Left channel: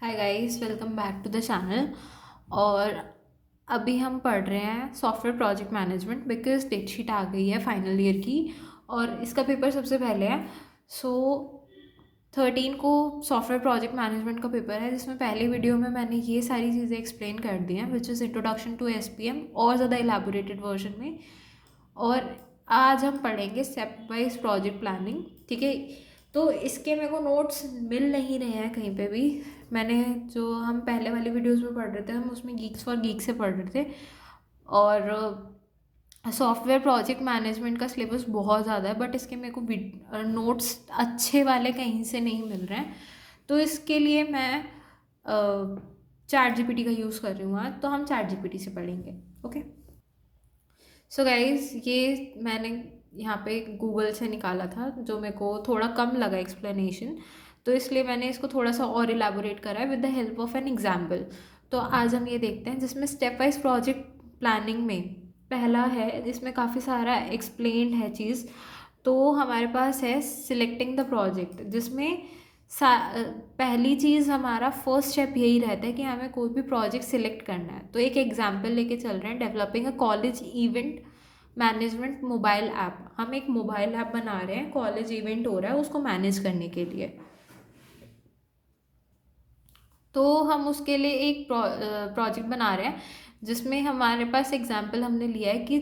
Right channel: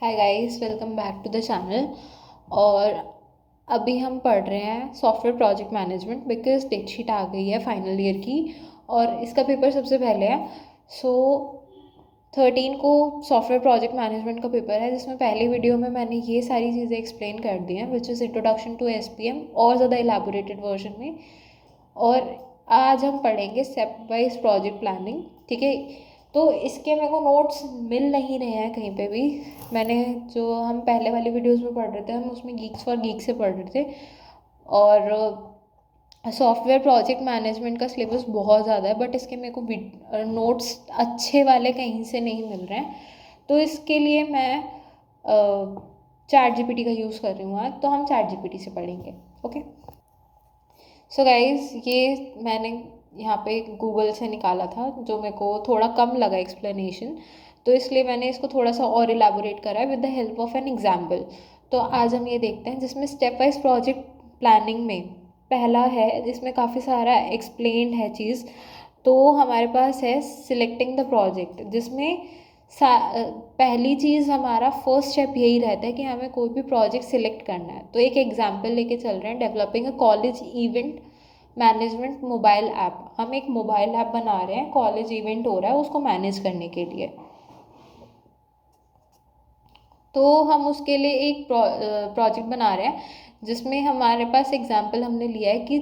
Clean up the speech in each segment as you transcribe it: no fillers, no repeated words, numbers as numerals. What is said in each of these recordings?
Hi guys, welcome back to the channel. और अभी हम पढ़ रहे हैं software project management because date sheet आ गई है फाइनल ईयर की और इसका पेपर सबसे पहले है। सो 13 को सॉफ्टवेयर प्रोजेक्ट मैनेजमेंट का पेपर है, जिसमें पहले वीडियो में मैंने ये सारी चीज़ें एक्सप्लेन कर दी हैं which is introduction to SPM और ज़्यादा इलेबोरेटेड वर्जन में। और आज हम पढ़ेंगे स्टेप वाइज प्रोजेक्ट प्लानिंग। ठीक है, तो इसके मेरे को नोट्स मिल नहीं रहे हैं कहीं पे भी। मैंने जो हम पहले वाली वीडियोस में पढ़ रहे थे, हम उसमें गीक्स फॉर गीक से पढ़ रहे थे। और सॉफ्टवेयर प्रोजेक्ट मैनेजमेंट का सिलेबस बहुत ज़्यादा है, बट इसके मेरे को नोट्स अच्छे वाले कहीं से नहीं मिल रहे हैं। तो इसके लिए मैं चैट जीपीटी का यूज़ कर रही हूँ आज, तो हम चैट जीपीटी से पढ़ेंगे। ओके, सो गाइज ये मैंने यहाँ पे गूगल से निकाला था, जो मेरे को थोड़ा कम लगा एक्सप्लेनेशन, तो इसलिए मैंने इसको थोड़ा सा और इलेबोरेट करा है with the help of an example. तो आज हम ये देखते हैं, जिसमें स्टेप वाइज प्रोजेक्ट प्लानिंग में पहला है, जिसमें काफ़ी सारा एक्सप्लेन्ड है चीज़। तो हमारे पास है सिलेक्टिंग द प्रोजेक्ट, जिसमें पहली चीज़ हमारा फर्स्ट स्टेप यही रहता है कि हमें कोई भी प्रोजेक्ट सिलेक्ट करना है। तो एक एग्जांपल लेके चल रहे हैं, डेवलपिंग अ college event management mobile app. हम एक मोबाइल ऐप बना रहे हैं, कॉलेज इवेंट हो रहा है उसको मैनेज करने के लिए। तो हम उसके लिए एक प्रोजेक्ट बना रहे हैं, जिसमें हमारे पास एग्जांपल हमने लिया है कि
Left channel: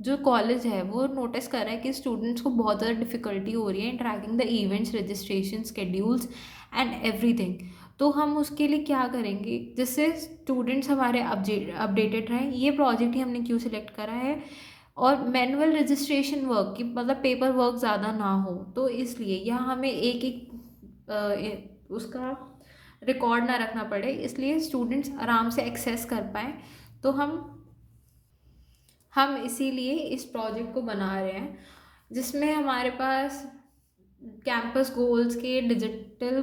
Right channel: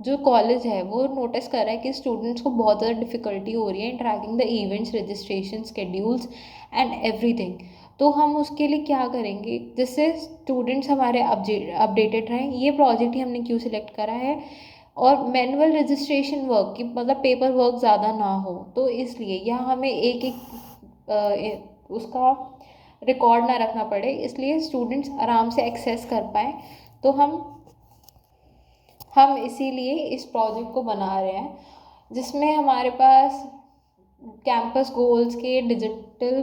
जो कॉलेज है वो नोटिस कर रहा है कि स्टूडेंट्स को बहुत ज़्यादा डिफ़िकल्टी हो रही है in tracking the events, registration, schedules and everything. तो हम उसके लिए क्या करेंगे जिससे स्टूडेंट्स हमारे अपडेटेड रहें। ये प्रोजेक्ट ही हमने क्यों सिलेक्ट करा है, और मैनुअल रजिस्ट्रेशन वर्क की मतलब पेपर वर्क ज़्यादा ना हो, तो इसलिए यहाँ हमें एक एक उसका रिकॉर्ड ना रखना पड़े, इसलिए स्टूडेंट्स आराम से एक्सेस कर पाएँ। तो हम इसीलिए इस प्रोजेक्ट को बना रहे हैं, जिसमें हमारे पास कैंपस गोल्स के digital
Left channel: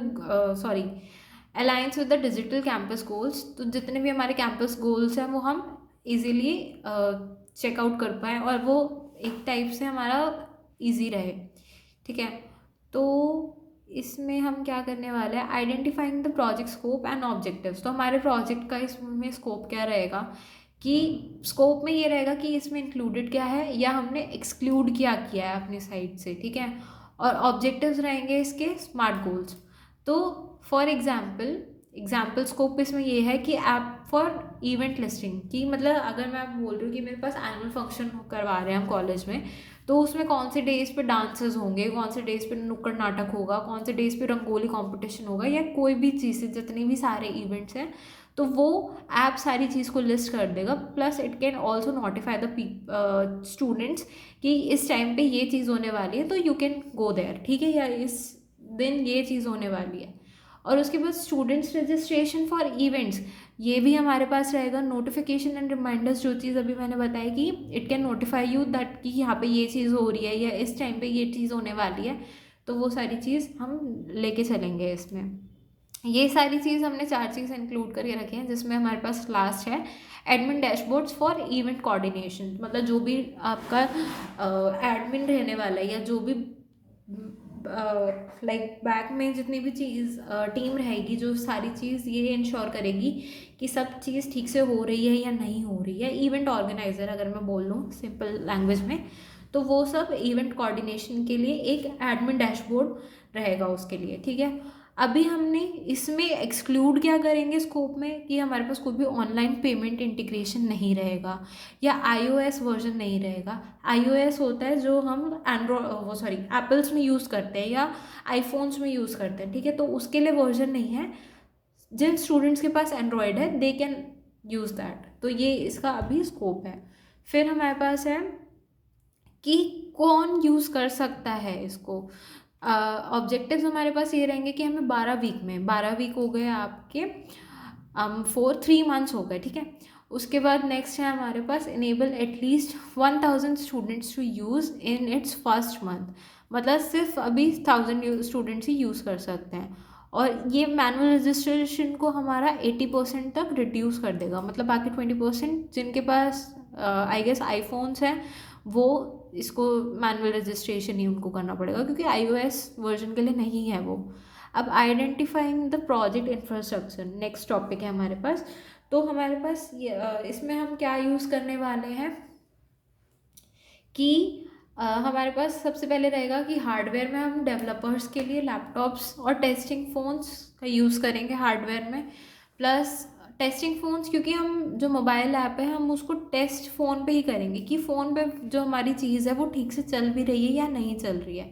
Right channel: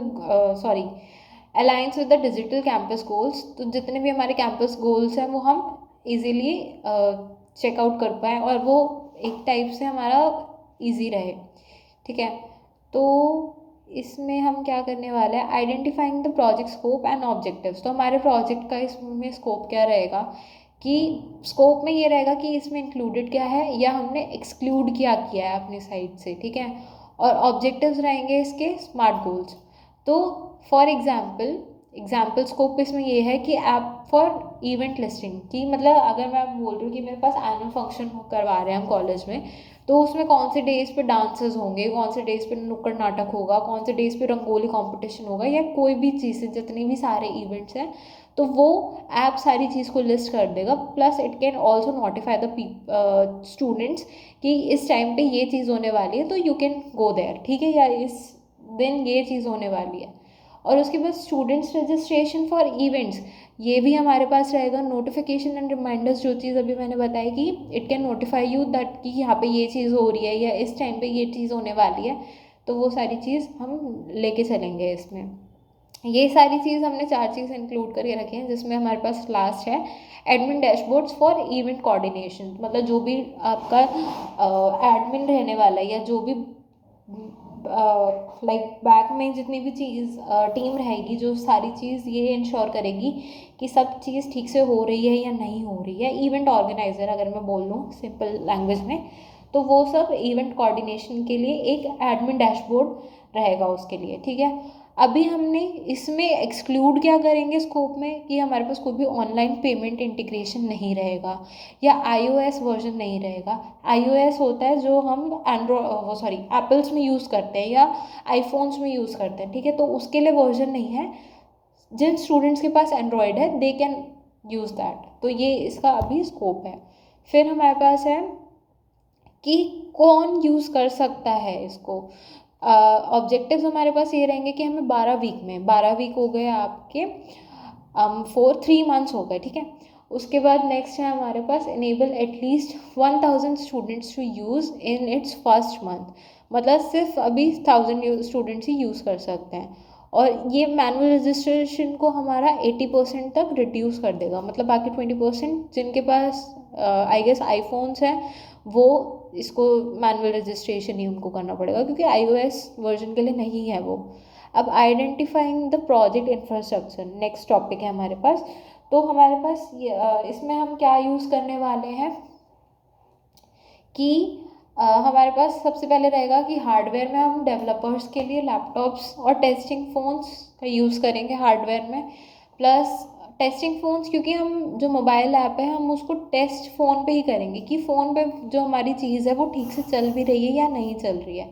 alliance with the digital campus goals. तो जितने भी हमारे कैंपस गोल्स हैं वो हम इजीली चेकआउट कर पाएँ और वो एक टाइप से हमारा इजी रहे। ठीक है, तो इसमें हम क्या करने वाले हैं, identifying the project scope and objectives. तो हमारे प्रोजेक्ट का इसमें स्कोप क्या रहेगा, कि स्कोप में ये रहेगा कि इसमें इंक्लूडेड क्या है या हमने एक्सक्लूड क्या किया है अपने साइड से। ठीक है, और ऑब्जेक्टिव्स रहेंगे इसके स्मार्ट गोल्स। तो फॉर एग्जाम्पल स्कोप इसमें ये है कि ऐप फॉर इवेंट लिस्टिंग की, मतलब अगर मैं बोल रही हूँ कि मेरे पास एनुअल फंक्शन करवा रहे हैं हम कॉलेज में, तो उसमें कौन से डेज पे डांसेस होंगे, कौन से डेज पे नुक्कड़ नाटक होगा, कौन से डेज पे रंगोली कंपटीशन होगा, या कोई भी चीज़ें जितनी भी सारे इवेंट्स हैं, तो वो ऐप सारी चीज़ को लिस्ट कर देगा। Plus it can also notify the students कि इस टाइम पे ये चीज़ होने वाली है, तो यू कैन गो देयर। ठीक है, या इस दिन ये चीज़ होने वाली है। और उसके बाद स्टूडेंट्स रजिस्ट्रेशन फॉर इवेंट्स, ये भी हमारे पास रहेगा। नोटिफिकेशन एंड रिमाइंडर्स, जो चीज़ अभी मैंने बताई कि it can notify you that कि यहाँ पे ये चीज़ हो रही है या इस टाइम पे ये चीज़ होने वाली है, तो वो सारी चीज़ हम लेके चलेंगे इसमें। ये सारी चीज़ हमने 4 चीज़ इंक्लूड करके रखे हैं, जिसमें हमारे पास लास्ट है admin dashboards for event coordination. मतलब जो भी आपका एडमिन रहने वाला है या जो भी लाइक बैक में जितनी भी चीज़ टीम रहेगी, जो सारी चीज़ ये इंश्योर करेगी कि सब चीज़ ठीक से हो रही है या नहीं हो रही है। इवेंट ऑर्गेनाइज़र अगर मैं बोल लूँ सिंपल लैंग्वेज में, तो वो सब इवेंट कोऑर्डिनेशन के लिए एक एडमिन डैशबोर्ड रहेगा उसके लिए। ठीक है, अभी हमने इसमें एक्सक्लूड क्या करेंगे स्कोप में, कि हमारे पास कोई भी ऑनलाइन पेमेंट इंटीग्रेशन नहीं रहेगा या iOS वर्जन नहीं रहेगा। iOS होता है जो हम एप्पल्स में यूज़ करते हैं या आईफोन्स में यूज़ करते हैं। ठीक है, तो उसके लिए वर्जन नहीं है। जिन स्टूडेंट्स के पास एंड्रॉयड है दे कैन यूज़ दैट। तो ये इसका अभी स्कोप है। फिर हमारे पास है कि कौन यूज़ कर सकता है इसको। ऑब्जेक्टिव्स हमारे पास ये रहेंगे कि हमें 12 वीक हो गए आपके, 3 मंथ्स हो गए। ठीक है, उसके बाद नेक्स्ट है हमारे पास enable at least 1000 students to use in its first month. मतलब सिर्फ अभी 1000 स्टूडेंट्स ही यूज़ कर सकते हैं। और ये मैनुअल रजिस्ट्रेशन को हमारा 80% तक रिड्यूस कर देगा। मतलब बाकी 20% जिनके पास आई गेस आईफोन्स हैं, वो इसको मैनुअल रजिस्ट्रेशन ही उनको करना पड़ेगा, क्योंकि iOS वर्जन के लिए नहीं है वो। अब identifying the project infrastructure next topic है हमारे पास। तो हमारे पास ये इसमें हम क्या यूज़ करने वाले हैं कि हमारे पास सबसे पहले रहेगा कि हार्डवेयर में हम डेवलपर्स के लिए लैपटॉप्स और टेस्टिंग फ़ोन्स का यूज़ करेंगे हार्डवेयर में। प्लस टेस्टिंग फ़ोन्स, क्योंकि हम जो मोबाइल ऐप है हम उसको टेस्ट फ़ोन पे ही करेंगे कि फ़ोन पे जो हमारी चीज़ है वो ठीक से चल भी रही है या नहीं चल रही है।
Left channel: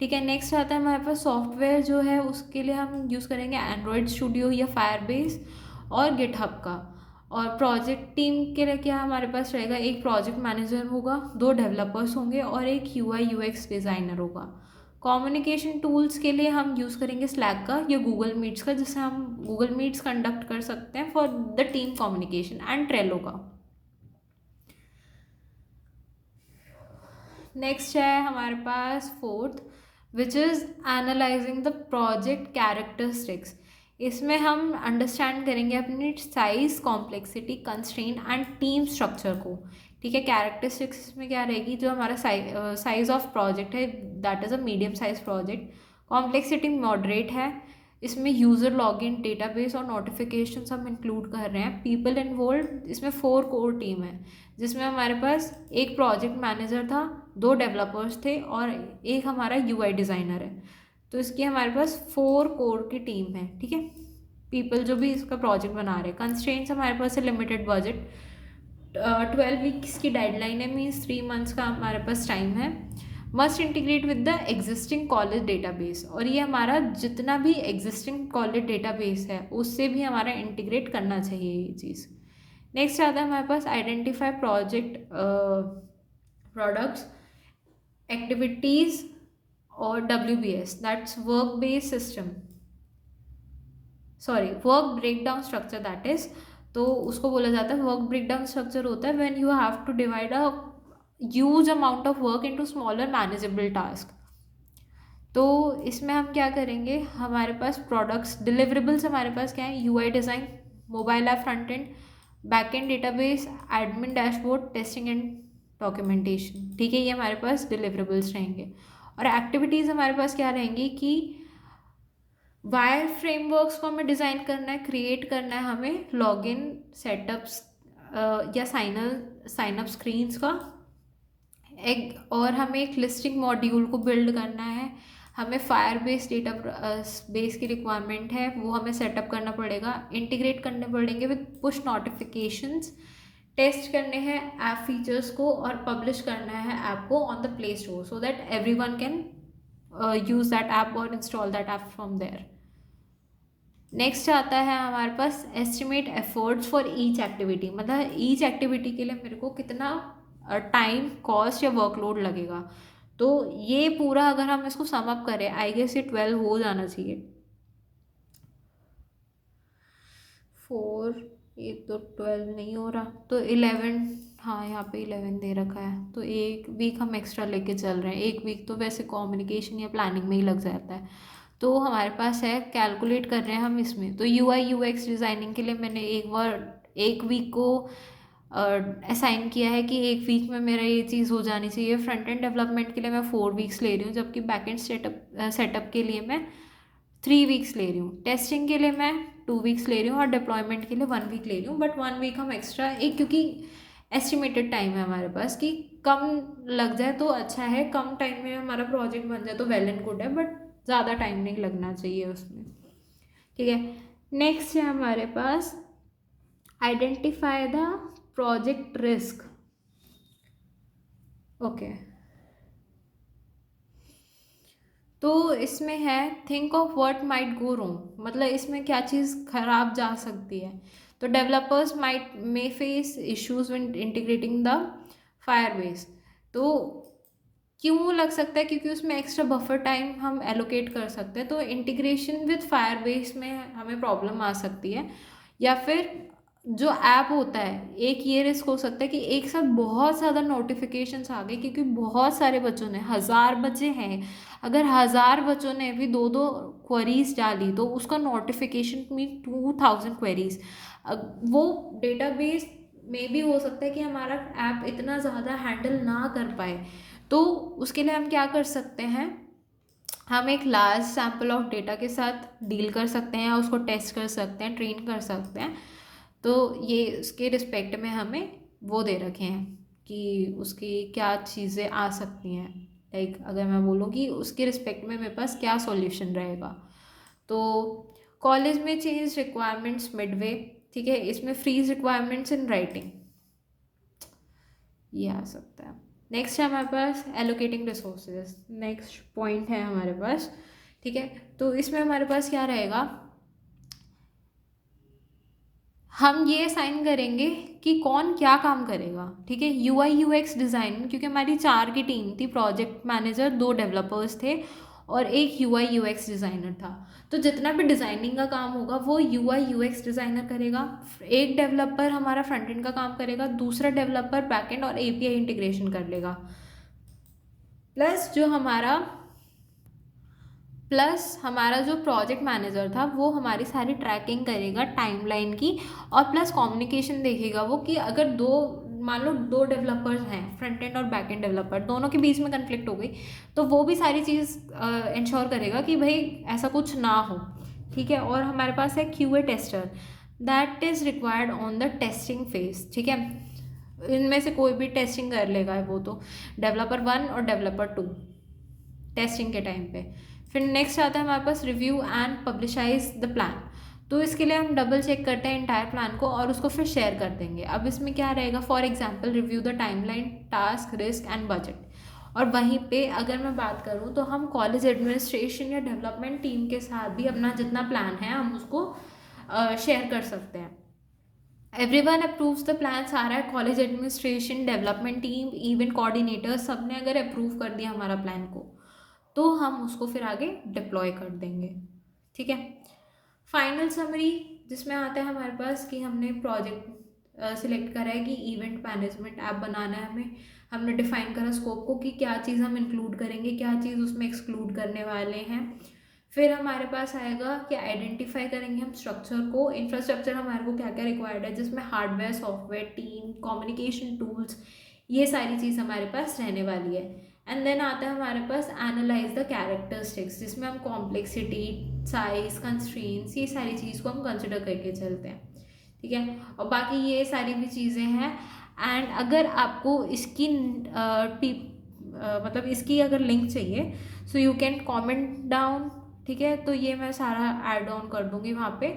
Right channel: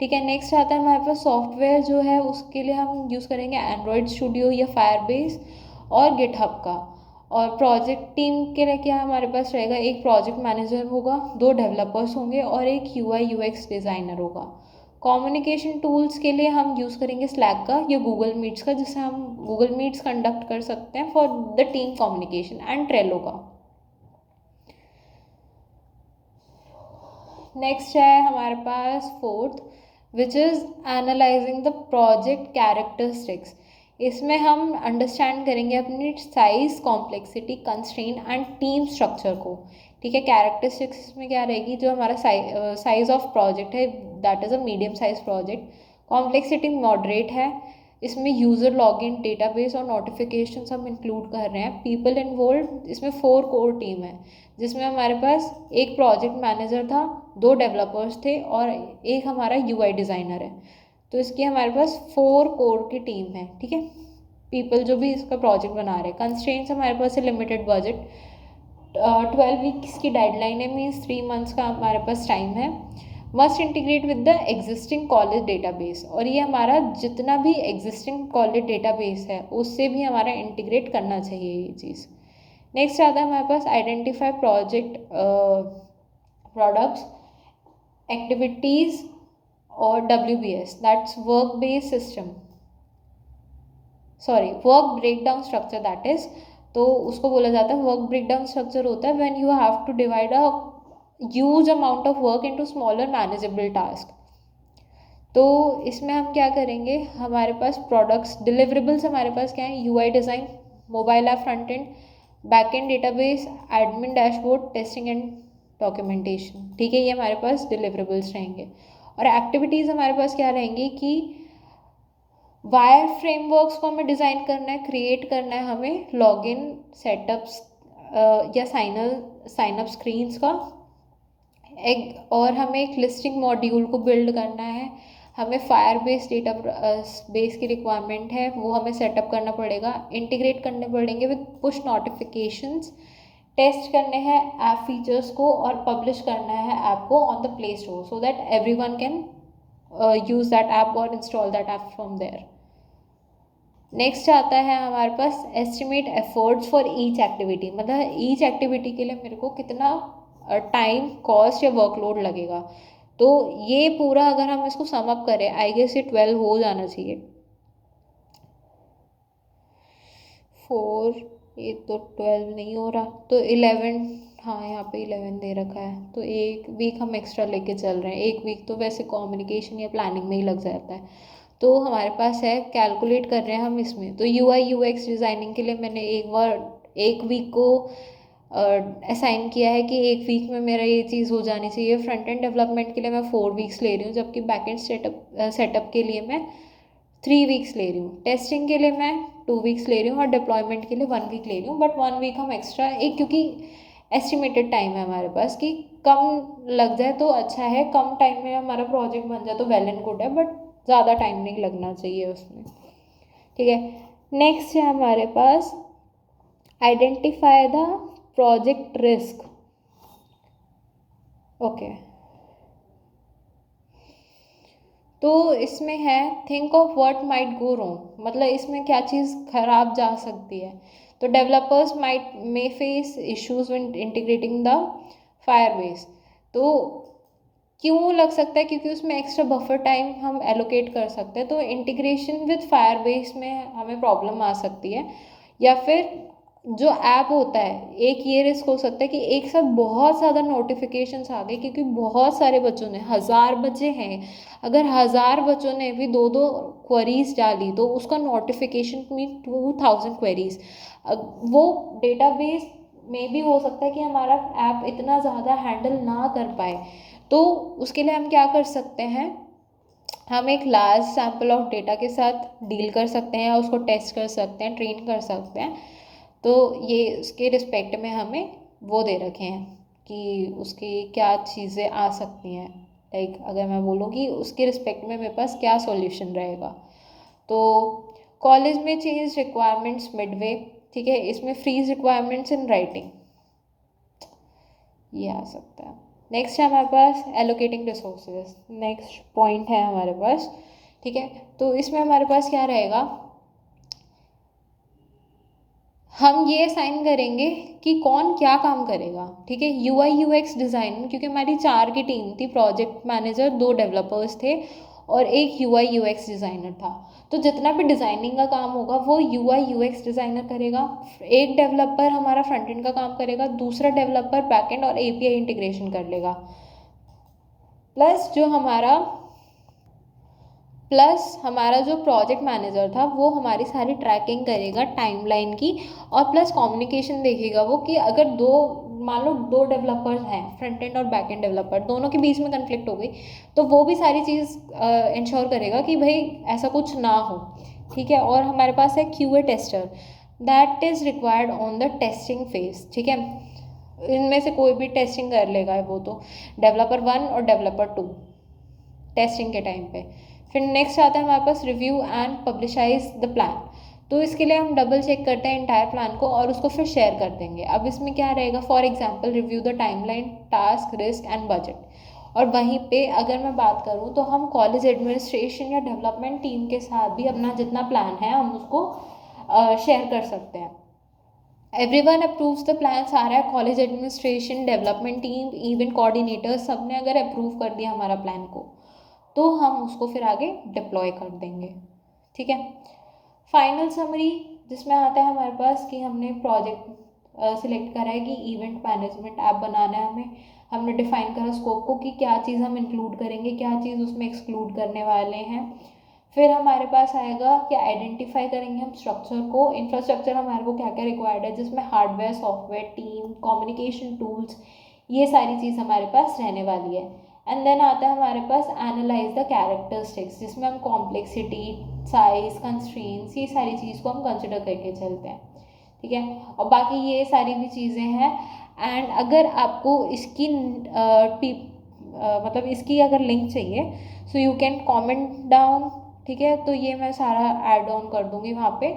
ठीक है, नेक्स्ट आता है हमारे पास सॉफ्टवेयर जो है उसके लिए हम यूज़ करेंगे एंड्रॉयड स्टूडियो या फायरबेस और गिटहब का। और प्रोजेक्ट टीम के लिए क्या हमारे पास रहेगा, एक प्रोजेक्ट मैनेजर होगा, 2 डेवलपर्स होंगे और एक यूआई यूएक्स डिज़ाइनर होगा। कम्युनिकेशन टूल्स के लिए हम यूज़ करेंगे स्लैक का या गूगल मीट्स का, जिससे हम गूगल मीट्स कंडक्ट कर सकते हैं for the team communication, and Trello का। नेक्स्ट है हमारे पास fourth, which is analysing the project characteristics. इसमें हम अंडरस्टैंड करेंगे अपनी size, complexity, constraint and team structure को। ठीक है, कैरेक्टरिस्टिक्स में क्या रहेगी, जो हमारा साइज ऑफ प्रोजेक्ट है that is a medium size project. Complexity moderate है, इसमें यूज़र लॉगिन, डेटाबेस और नोटिफिकेशन हम इंक्लूड कर रहे हैं। पीपल इन्वॉल्व, इसमें 4 कोर टीम है, जिसमें हमारे पास एक प्रोजेक्ट मैनेजर था, 2 डेवलपर्स थे और एक हमारा यूआई डिज़ाइनर है। तो इसकी हमारे पास 4 कोर की टीम है। ठीक है, पीपल जो भी इसका प्रोजेक्ट बना रहे हैं। कंस्ट्रेंट्स हमारे पास है लिमिटेड बजट, 12 वीक्स की डेडलाइन है, मीन्स 3 मंथ्स का हमारे पास टाइम है। Must integrate with the existing college database, और ये हमारा जितना भी एग्जिस्टिंग कॉलेज डेटाबेस है उससे भी हमारा इंटीग्रेट करना चाहिए ये चीज़। नेक्स्ट आता है हमारे पास आइडेंटिफाई प्रोजेक्ट प्रोडक्ट्स, एक्टिविटीज़ और WBS, that's work based system, sorry work breakdown structure that is. तो उसको बोला जाता है वर्क ब्रेकडाउन स्ट्रक्चर होता है when you have to divide a huge amount of work into smaller manageable task. तो इसमें हम क्या करेंगे, हमारे पास प्रोडक्ट्स डिलीवरेबल्स हमारे पास क्या है, UI design, mobile app front end, back and database, admin dashboard, testing and documentation. ठीक है, ये हमारे पास डिलीवरेबल्स रहेंगे। और एक्टिविटीज़ हमारे पास क्या रहेंगी कि वायर फ्रेमवर्क्स को हमें डिज़ाइन करना है, क्रिएट करना है हमें, लॉगिन सेटअप्स या साइनअप स्क्रीन्स का एक, और हमें एक लिस्टिंग मॉड्यूल को बिल्ड करना है। हमें फायर बेस डेटा बेस की रिक्वायरमेंट है, वो हमें सेटअप करना पड़ेगा। इंटीग्रेट करने पड़ेंगे विद पुश नोटिफिकेशंस, टेस्ट करने हैं ऐप फीचर्स को और पब्लिश करना है ऐप को on the Play Store so that everyone can use that app और install that app from there. Next आता है हमारे पास estimate efforts for each activity, मतलब ईच एक्टिविटी के लिए मेरे को कितना टाइम, कॉस्ट या वर्कलोड लगेगा। तो ये पूरा अगर हम इसको सम अप करें, आई गेस ये 12 हो जाना चाहिए। 4, ये तो 12 नहीं हो रहा, तो 11, हाँ यहाँ पे 11 दे रखा है, तो एक वीक हम एक्स्ट्रा लेके चल रहे हैं। एक वीक तो वैसे कम्युनिकेशन या प्लानिंग में ही लग जाता है। तो हमारे पास है, कैलकुलेट कर रहे हैं हम इसमें, तो यूआई यूएक्स डिज़ाइनिंग के लिए मैंने एक वीक को असाइन किया है कि एक वीक में मेरा ये चीज़ हो जानी चाहिए। फ्रंट एंड डेवलपमेंट के लिए मैं 4 वीक्स ले रही हूँ, जबकि बैक एंड सेटअप के लिए मैं 3 वीक्स ले रही हूँ। टेस्टिंग के लिए मैं 2 वीक्स ले रही हूँ और डिप्लॉयमेंट के लिए 1 वीक ले रही हूँ। बट 1 वीक हम एक्स्ट्रा, एक क्योंकि एस्टिमेटेड टाइम है हमारे पास कि कम लग जाए तो अच्छा है, कम टाइम में हमारा प्रोजेक्ट बन जाए तो वेल एंड गुड है, बट ज़्यादा टाइम नहीं लगना चाहिए उसमें। ठीक है, नेक्स्ट है हमारे पास identify the project risk. Okay, तो इसमें है think of what might go wrong, मतलब इसमें क्या चीज़ खराब जा सकती है। तो developers might may face issues when integrating the Firebase. तो क्यों लग सकता है, क्योंकि उसमें एक्स्ट्रा बफर टाइम हम एलोकेट कर सकते हैं, तो इंटीग्रेशन विद फायरबेस में हमें प्रॉब्लम आ सकती है। या फिर जो ऐप होता है, एक ये रिस्क हो सकता है कि एक साथ बहुत ज़्यादा नोटिफिकेशंस आ गए, क्योंकि बहुत सारे बच्चों ने, 1000 बच्चे हैं, अगर 1000 बच्चों ने भी 2-2 क्वेरीज डाली तो उसका नोटिफिकेशन मीन 2000 क्वेरीज। वो डेटाबेस में भी हो सकता है कि हमारा ऐप इतना ज़्यादा हैंडल ना कर पाए। तो उसके लिए हम क्या कर सकते हैं, हम एक लार्ज सैम्पल ऑफ डेटा के साथ डील कर सकते हैं, उसको टेस्ट कर सकते हैं, ट्रेन कर सकते हैं। तो ये उसके रिस्पेक्ट में हमें वो दे रखे हैं कि उसकी क्या चीज़ें आ सकती हैं। लाइक अगर मैं बोलूँ कि उसके रिस्पेक्ट में मेरे पास क्या सॉल्यूशन रहेगा। तो कॉलेज में चेंज रिक्वायरमेंट्स मिडवे, ठीक है, इसमें फ्रीज रिक्वायरमेंट्स इन राइटिंग, ये आ सकता है। नेक्स्ट है हमारे पास एलोकेटिंग रिसोर्सेज, नेक्स्ट पॉइंट है हमारे पास, ठीक है। तो इसमें हमारे पास क्या रहेगा, हम ये असाइन करेंगे कि कौन क्या काम करेगा, ठीक है। यूआई यूएक्स डिज़ाइन, क्योंकि हमारी 4 की टीम थी, प्रोजेक्ट मैनेजर, 2 डेवलपर्स थे और एक यूआई यूएक्स डिज़ाइनर था। तो जितना भी डिज़ाइनिंग का काम होगा वो यूआई यूएक्स डिज़ाइनर करेगा, एक डेवलपर हमारा फ्रंट एंड का काम करेगा, दूसरा डेवलपर बैक एंड और एपीआई इंटीग्रेशन कर लेगा। प्लस हमारा जो प्रोजेक्ट मैनेजर था वो हमारी सारी ट्रैकिंग करेगा टाइमलाइन की, और प्लस कम्युनिकेशन देखेगा वो कि अगर मान लो 2 डेवलपर्स हैं, फ्रंट एंड और बैक एंड डेवलपर, दोनों के बीच में कन्फ्लिक्ट हो गई, तो वो भी सारी चीज़ इंश्योर करेगा कि भाई ऐसा कुछ ना हो, ठीक है। और हमारे पास है QA tester, that is required on the testing phase, ठीक है। इनमें से कोई भी टेस्टिंग कर लेगा, वो तो डेवलपर 1 और डेवलपर 2 टेस्टिंग के टाइम पे। फिर नेक्स्ट आता है हमारे पास रिव्यू एंड पब्लिशाइज द प्लान। तो इसके लिए हम डबल चेक करते हैं इंटायर प्लान को और उसको फिर शेयर कर देंगे। अब इसमें क्या रहेगा, for example review the timeline, task, risk and budget. और वहीं पे अगर मैं बात करूँ तो हम कॉलेज एडमिनिस्ट्रेशन या डेवलपमेंट टीम के साथ भी अपना जितना प्लान है हम उसको शेयर कर सकते हैं। एवरीवन अप्रूव्स द प्लान, सारा है college administration, development team, event coordinator, सब ने अगर अप्रूव कर दिया हमारा प्लान को तो हम उसको फिर आगे डिप्लॉय कर देंगे, ठीक है। फाइनल समरी जिसमें आता है हमारे पास कि हमने प्रोजेक्ट सिलेक्ट करा है कि इवेंट मैनेजमेंट ऐप बनाना है हमें, हमने डिफाइन करा स्कोप को कि क्या चीज़ हम इंक्लूड करेंगे, क्या चीज़ उसमें एक्सक्लूड करने वाले हैं। फिर हमारे पास आएगा कि आइडेंटिफाई करेंगे हम स्ट्रक्चर को, इंफ्रास्ट्रक्चर हमारे को क्या क्या रिक्वायर्ड है, जिसमें hardware, software, team, communication tools, ये सारी चीज़ हमारे पास रहने वाली है। एंड देन आता है हमारे पास एनालाइज द कैरेक्टरिस्टिक्स, जिसमें हम कॉम्प्लेक्सिटी, साइज, कंस्ट्रेंट्स, ये सारी चीज़ को हम कंसिडर करके चलते हैं, ठीक है। और बाकी ये सारी भी चीज़ें हैं। एंड अगर आपको इसकी मतलब इसकी अगर लिंक चाहिए so you can comment down, ठीक है। तो ये मैं सारा ऐड ऑन कर दूँगी वहाँ पे,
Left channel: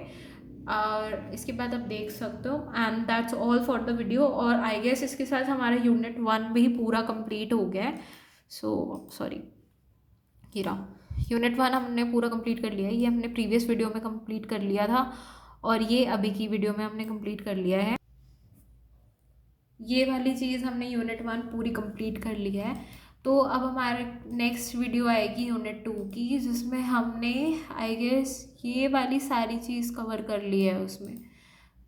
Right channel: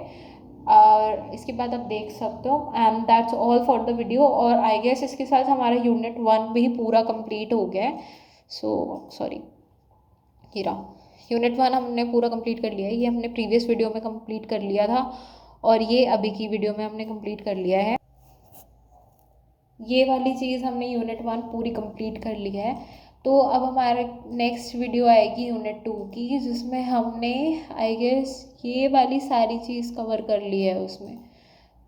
और इसके बाद आप देख सकते हो। And that's all for the video. और आई गेस इसके साथ हमारा यूनिट 1 भी पूरा कंप्लीट हो गया है। सो सॉरी, हीरा, यूनिट 1 हमने पूरा कंप्लीट कर लिया है, ये हमने प्रीवियस वीडियो में कंप्लीट कर लिया था और ये अभी की वीडियो में हमने कंप्लीट कर लिया है। ये वाली चीज़ हमने यूनिट 1 पूरी कंप्लीट कर लिया है। तो अब हमारा नेक्स्ट वीडियो आएगी यूनिट 2 की, जिसमें हमने आई गेस ये वाली सारी चीज़ कवर कर ली है उसमें।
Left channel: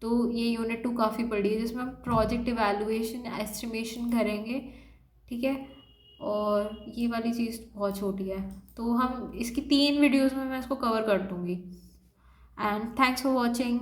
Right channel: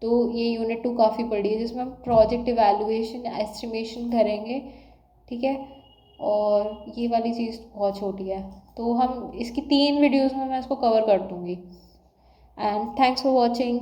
तो ये यूनिट 2 काफ़ी बड़ी है, जिसमें हम प्रोजेक्ट इवैल्यूएशन, एस्टिमेशन करेंगे, ठीक है। और ये वाली चीज़ बहुत छोटी है, तो हम इसकी 3 वीडियोस में मैं इसको कवर कर दूँगी। And thanks for watching.